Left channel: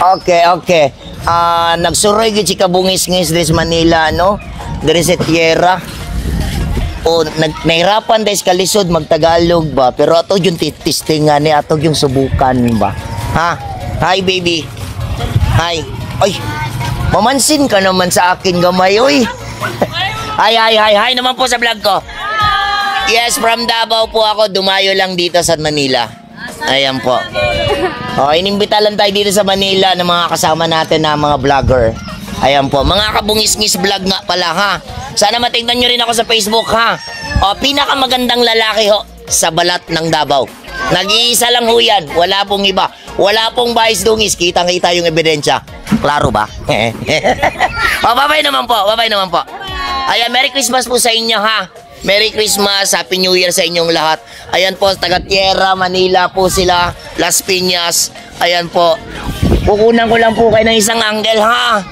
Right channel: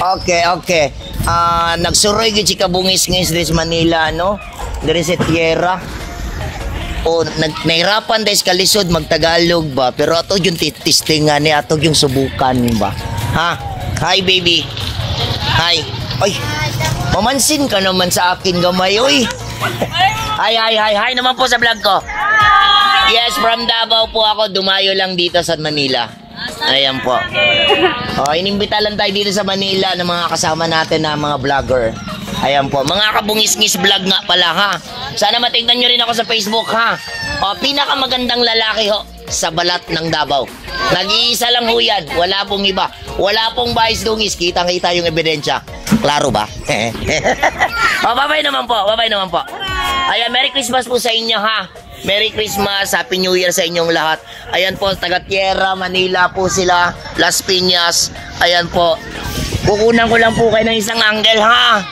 Okay, okay. Nagsuroy gid si kabungis-ngis des Manila, no? Diri sa tierra. O nahirapan dahil kalisod magtagalog ba, pero ato yung testingan ni ato yung subukan ba. Ha? Hi baby. Hi. Ay. Mamansin ka naman sa akin gamay, oy. Hi naman po sa vlog ko. Yes, from Davao po ako, dumayo lang dito sa Manila. Ayan po. Inimbita lang tayo dito sa Manila ng mga kasama natin na mga vlogger. Ayan po, mga kabungis-ngis vlog nga pala ha. Sana matingnan nyo rin ako sa Facebook ha. Pinakamagandang lalaki ho sa balat ng Davao. Nag-iisa lang ho yan, wala pong iba. Wala pong bias dungis, kitang-kita yung ebidensya. Klaro ba? Bye-bye naman po, bye-bye naman po. Ayan, Merry Christmas po sa inyo ha. Merry Christmas, Happy New Year sa inyong lahat. Ayan po, taga Tierra, Manila po sila, Las Piñas. Ayan po. Kukunan ko lang po kayo ng isang angle ha.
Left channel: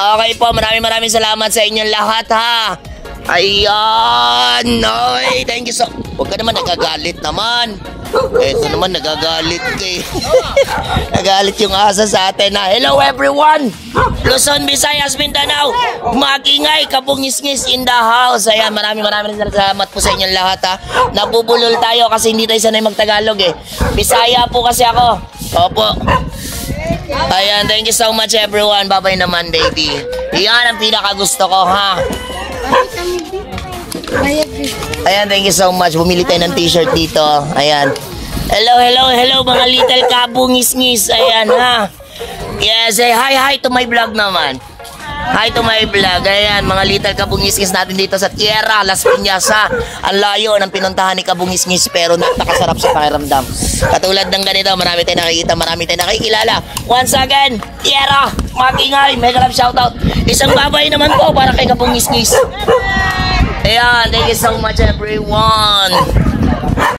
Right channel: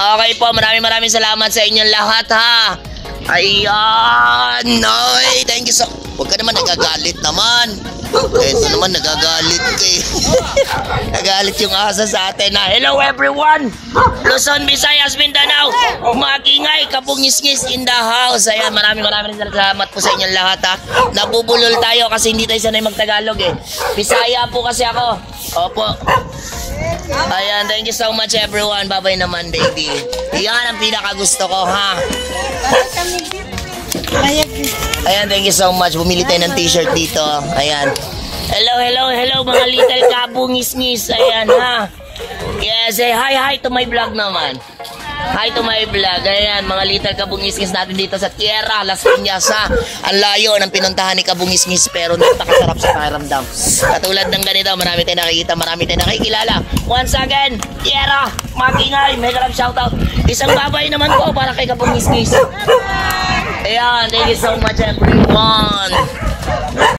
Okay po, maraming salamat sa inyong lahat ha. Ayan, noy, thank you so. Huwag ka naman nagagalit naman. Ito naman nagagalit ko eh. Nagagalit yung asa sa atin na. Hello everyone, Luzon, Visayas, Mindanao, Magingay, kabungis-ngis in the house. Ayan, maraming salamat po sa inyong lahat ha. Nabubulol tayo kasi hindi tayo sanay magtagalog eh. Bisaya po kasi ako. Opo. Ayan, thank you so much everyone. Bye-bye naman baby. Iyan ang pinakagusto ko ha. Ayan, thank you so much. Bumili tayo ng t-shirt dito. Ayan. Hello mga little kabungis-ngis. Ayan ha. Yes, say hi to my vlog naman. Hi to my vlog. Ayan, mga little kabungis-ngis natin dito sa Tierra, Las Piñas ha. Ang layo ng pinuntahan ni kabungis-ngis pero napakasarap sa pakiramdam. Katulad ng ganito, marami tayong nakikita, marami tayong nakikilala. Once again, Tierra, Magingay, mega love shoutout. Isang babay naman po para kay kabungis-ngis. Ayan, thank you so much everyone.